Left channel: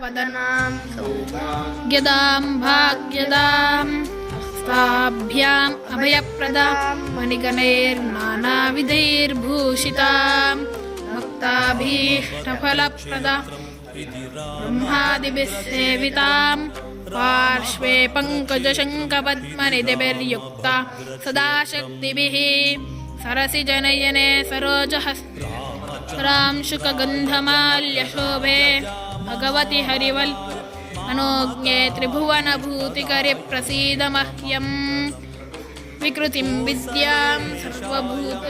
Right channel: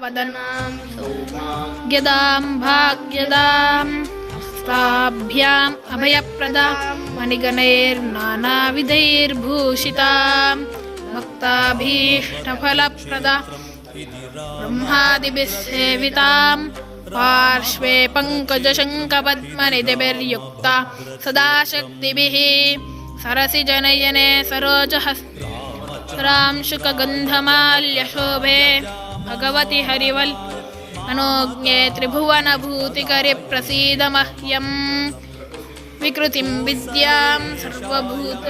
वदनां सौभाग्यदां भाग्यदां स्ताभ्याम् अभयप्रदां मणिगणैर्नानाविधैर्भूषितां भक्ताभीष्टफलप्रदां ब्रह्मादिभिः सेवितां पार्श्वे पङ्कजशङ्खपद्मनिधिभिर्युक्ता सदा शक्तिभिः सरसिजनयने सरोजहस्रां शुकगन्धमाल्यशोभे भगवति हरिवल् मनोज्ञे त्रिभुवनभूतिकरि प्रसीद मह्यं विकृतिं विद्यां सर्वभूत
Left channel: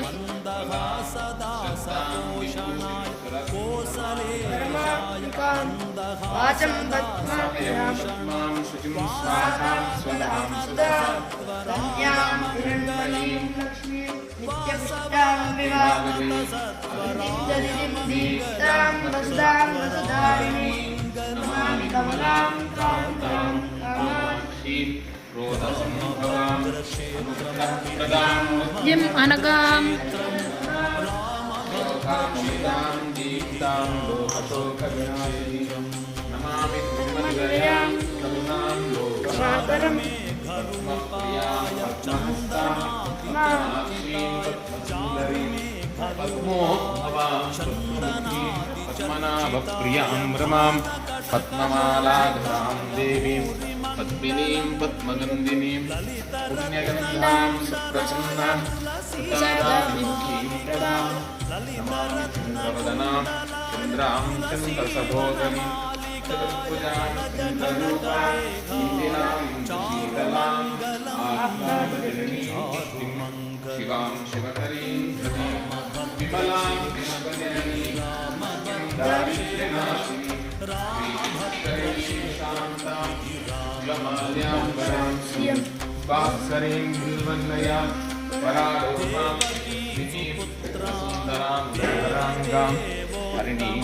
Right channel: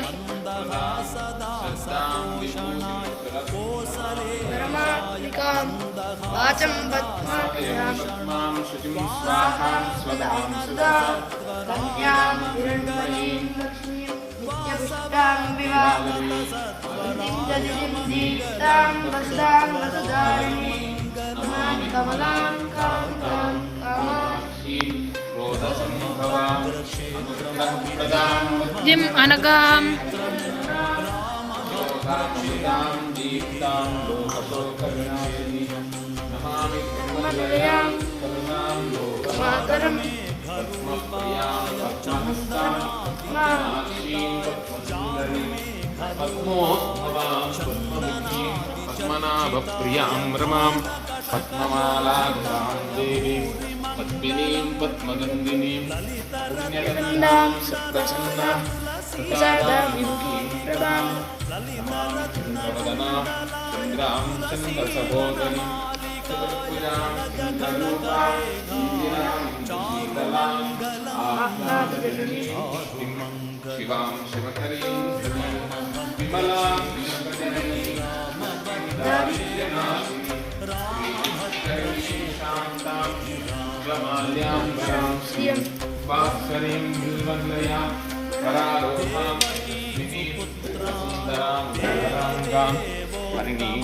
जिम अनगाम पद्ममालाधरां देवीं पद्मिनीं पद्मगन्धिनीं पुण्यगन्धां सुप्रसन्नां सुतादां चन्द्रवदनां चन्द्रां चन्द्रसहोदरीं चतुर्भुजां चन्द्ररूपां शीतलां आह्लादजननीं शिवां शिवकरीं विमलां विमलजननीं शान्तां श्रियं वाक्सरीं निर्वल्लया परारोहां सुन्दरां धराङ्गां हरिणीं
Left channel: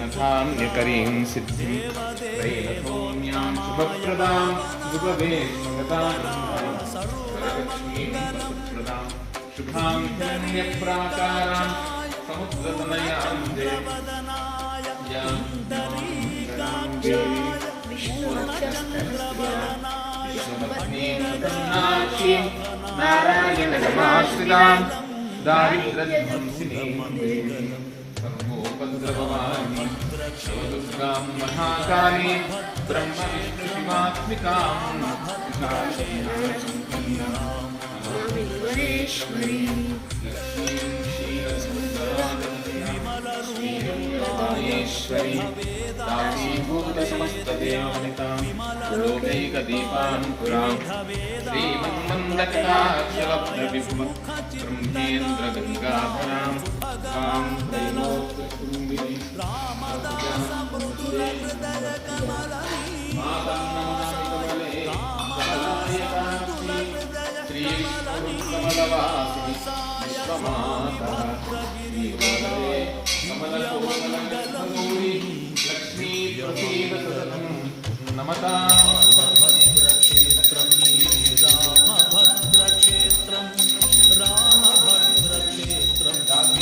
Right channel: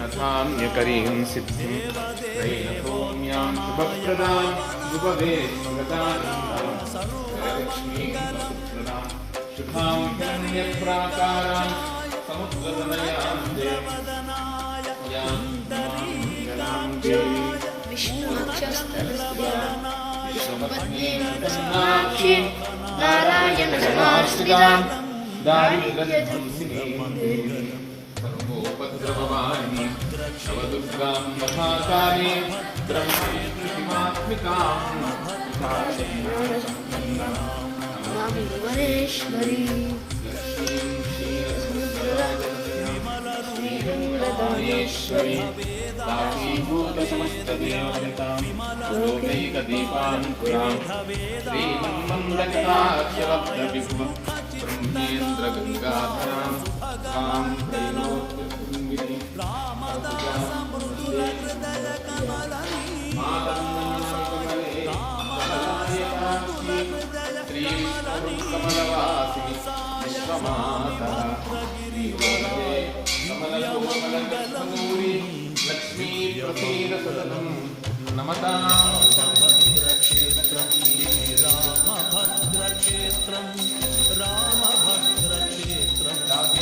नथान्यकरीं सिद्धिं दैवसौम्यां शुभप्रदां शुभवे सर्वलक्ष्मीं शुभां पुण्यप्राकारां समुद्रतनयां नारायणसमाश्रितां दारिद्र्यध्वंसिनीं सर्वोपद्रववाणीं दुर्गां महाकालीं ब्रह्मविष्णुमात्मिकां दासीभूतसमस्तदेवनितां लोकैकदीपाङ्कुरां श्रीमन्मन्दकटाक्षरब्धविभ्रमेन्द्रगङ्गाभयां तां त्रैलोक्यसुन्दरीं लक्ष्मी प्रसीदसदनं नमतां भद्रक्षेत्रं रामभद्रक्षेत्रं रामभद्रक्षेत्रं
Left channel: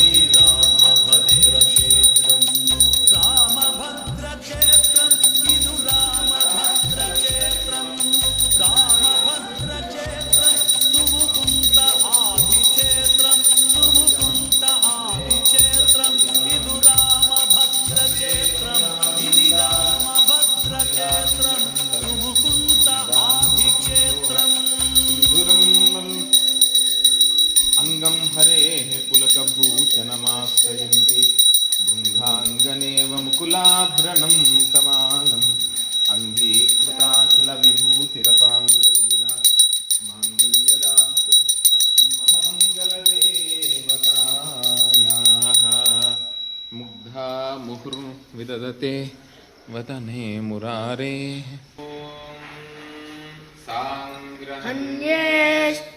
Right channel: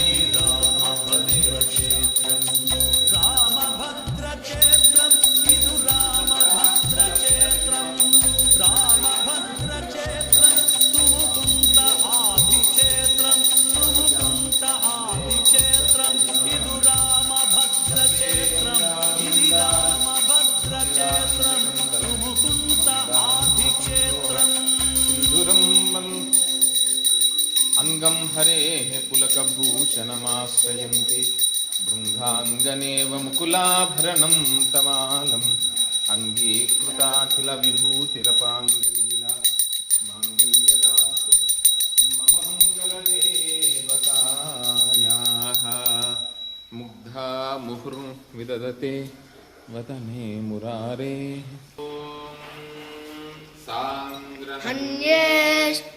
रामभद्रक्षेत्रं रामभद्रक्षेत्रं इदु रामभद्रक्षेत्रं रामभद्रक्षेत्रं तुमुकुन्त आदिक्षेत्रं तुमुकुन्त आदिक्षेत्रं इदु रामभद्रक्षेत्रं इदि रामभद्रक्षेत्रं तुमुकुन्त आदिक्षेत्रं अंगं हरेः पुलकभूषणमाश्रयन्ति भृङ्गाङ्गनेव मुकुलाभरणं तमालम् अङ्गीकृताखिलविभूतिरपाङ्गलीला माङ्गल्यदातु मम मङ्गलदेवतायाः मुग्धा मुहुर्विदधते वदने मुरारेः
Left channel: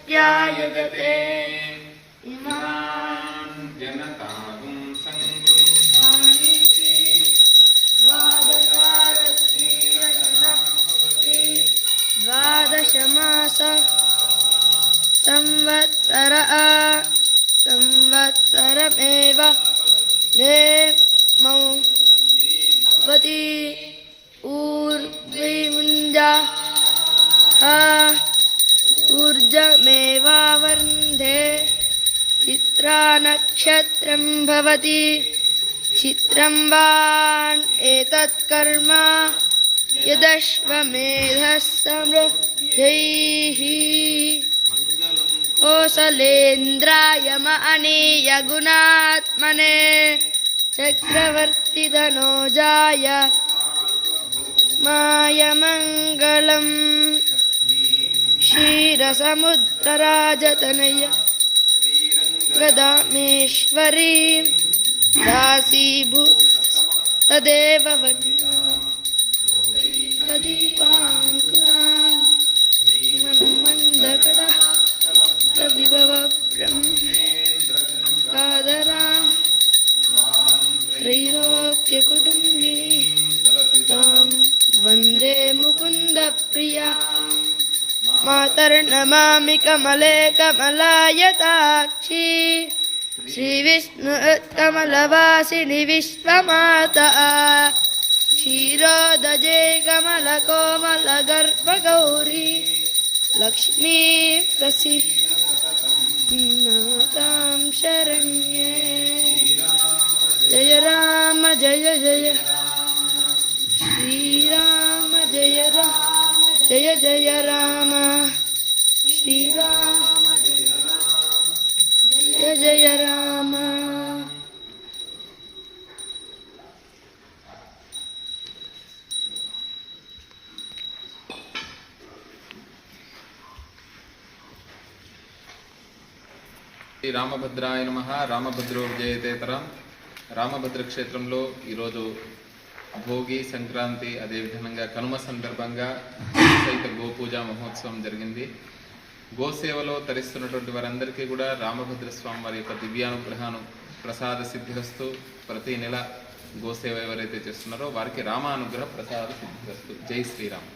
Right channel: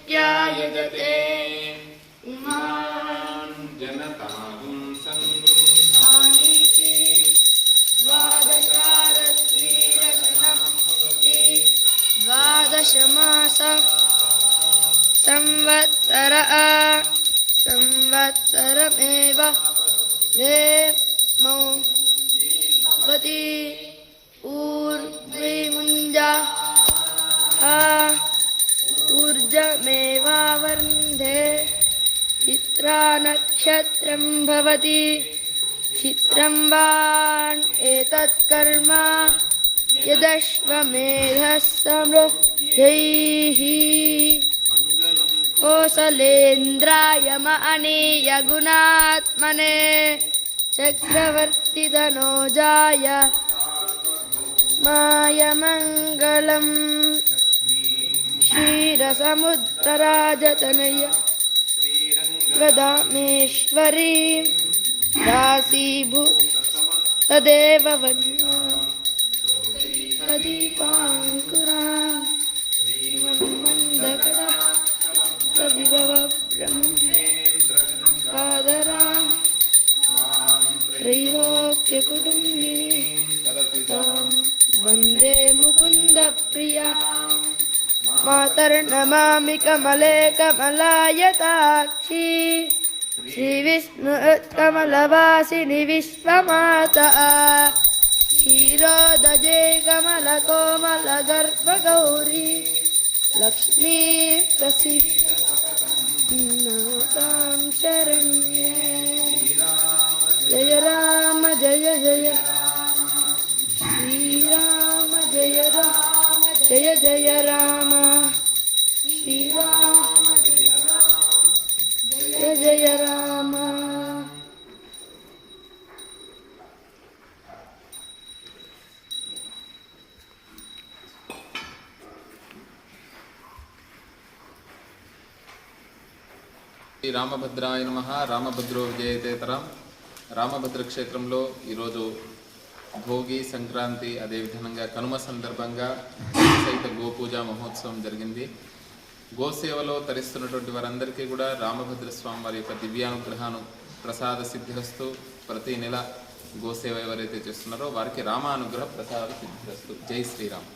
अन्येष्ट्यायदते इमां जनतागुं संगृह्णानीति द्वादशारश्रीरचनां भवति द्वादशमास संवत्सरमेव वती ऊर्ध्वैमुञ्जा ऊर्जमेवावरुन्धे चित्रा नक्षत्रं भवति चित्रं वान् एतत्कर्म यदश्वमेधः समृद्धैः कोसलेन्द्राय मनीय गुणात्मने चक्रवर्तितनोजाय मायमङ्गलम् क्षीरसमुद्रराजतनय वदामेश्वरी दासीभूत तदेव वन्यो तदीपाङ्कुरान् मन्मन्दकटः तविभव ब्रह्मादरान् त्रैलोक्यकुटुम्बिनी तां वन्दे मुकुन्दप्रिया मातर्नमामि कमले कमलायताक्षी श्रीविष्णुकमलवासिनि विश्वमाता क्षीरोदजे कमलकोमलगर्भगौरी लक्ष्मी प्रसीदां शरण्ये जय राम जय जय श्रीराम जय राम जय जय राम श्रीराम जय जय राम. రామభద్రాయ నమః. రామభద్రో విజయతేతరం. రామభద్ర క్షేత్రంలో ఈరోజు భోగి సంక్రాంతి అదేవిధంగా కనుమ సందర్భంగా సైత గోపూజ మహోత్సవం జరిగింది. గోసేవలో తరిస్తున్నటువంటి వారందరికీ కూడా రామభద్ర స్వామి వారి యొక్క దివ్యానుగ్రహాను ప్రసాద సిద్ధిరస్తు. ప్రతి నెల గోసేవ ఎవరైతే చేస్తున్నారో వారికి రామానుగ్రహ ప్రసాద సిద్ధిరస్తు. జై శ్రీరామ్.